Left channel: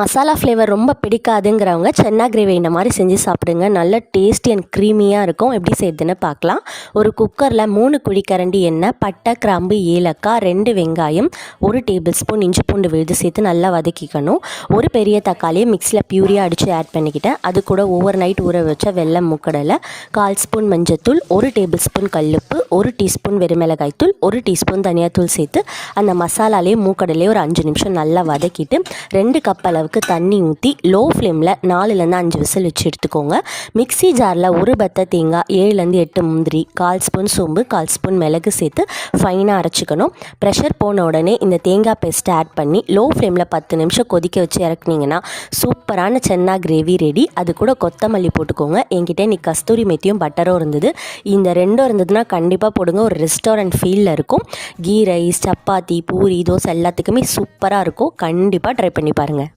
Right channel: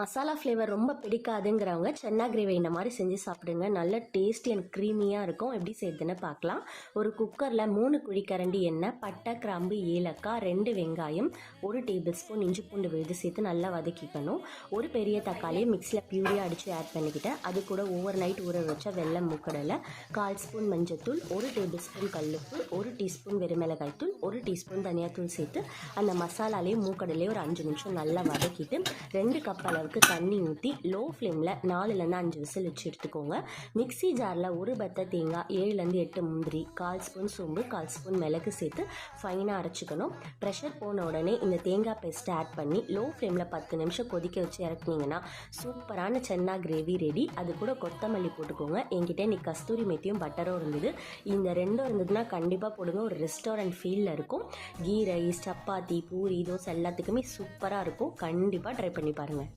Masala flavour ரொம்ப பிடிக்காதுங்கிறவங்க சென்னா gravy இந்த மாதிரி செஞ்சு சாப்பிடுங்க. நல்ல டேஸ்டி அண்ட் க்ரீமியாக இருக்கும். எப்படி செய்யுதுன்னு பார்க்கலாம். ஒரு குக்கரில் 3 குழிக்கரண்டி எண்ணெய், பட்டை, கிராம்பு, ஏலக்காய், 2 வெங்காயம், 1 டேபிள் ஸ்பூன் இஞ்சி பூண்டு விழுது சேர்த்து நல்லா வதக்கிக்கணும். ஒரு பெரிய தக்காளியை மிக்ஸியில் பியூரியாக அடித்து ஆட் பண்ணிக்கிட்டேன். அது கூட ஓவர் நைட் ஊற வச்ச வெள்ளை மூக்கடலை, 1/4 ஸ்பூன் மஞ்சத்தூள், 1 டேபிள் ஸ்பூன் கல்லுப்பு, 1 டீஸ்பூன் வெறுமிளகாய் தூள், 1 டீஸ்பூன் தனியாத்தூள் சேர்த்து அந்த மசாலாலேயே மூக்கடலையே ஒரு 5 நிமிஷம் நல்லா வதக்கிட்டு 2 கப் அளவுக்கு தண்ணி ஊற்றி லோ ஃப்ளேமில் 4லேருந்து 5 விசில் வச்சு எடுத்துக்கோங்க. மிக்ஸி ஜாரில் ஒரு பத்தை தேங்காய், 7லேருந்து 8 முந்திரி, 1/4 ஸ்பூன் சோம்பு, 1/4 ஸ்பூன் மிளகு சேர்த்து ஃபைனாக அரைச்சிக்கணும். ப்ரெஷர் போன உடனே இந்த தேங்காய் பேஸ்ட்டை ஆட் பண்ணி லோ ஃப்ளேமில் 10 நிமிஷம் கொதிக்க வச்சு இறக்குனீங்கன்னா சூப்பரான சென்னா கிரேவி ரெடி. அது கூட கொத்தமல்லி போட்டுக்கோங்க. என்கிட்ட இன்னைக்கு கஸ்தூரி மெத்தியும் பட்டரும் இருந்தது. இந்த ரெண்டும் இருந்ததுன்னா கண்டிப்பாக போடுங்க. ஒரு ரெஸ்டாரண்ட் ஃபீலில் இருக்கும். கீ ரைஸ், சப்பாத்தி, பூரி, தோசை எல்லாத்துக்குமே சூப்பராக இருக்கும். கண்டிப்பாக ட்ரை பண்ணி பாருங்கள்.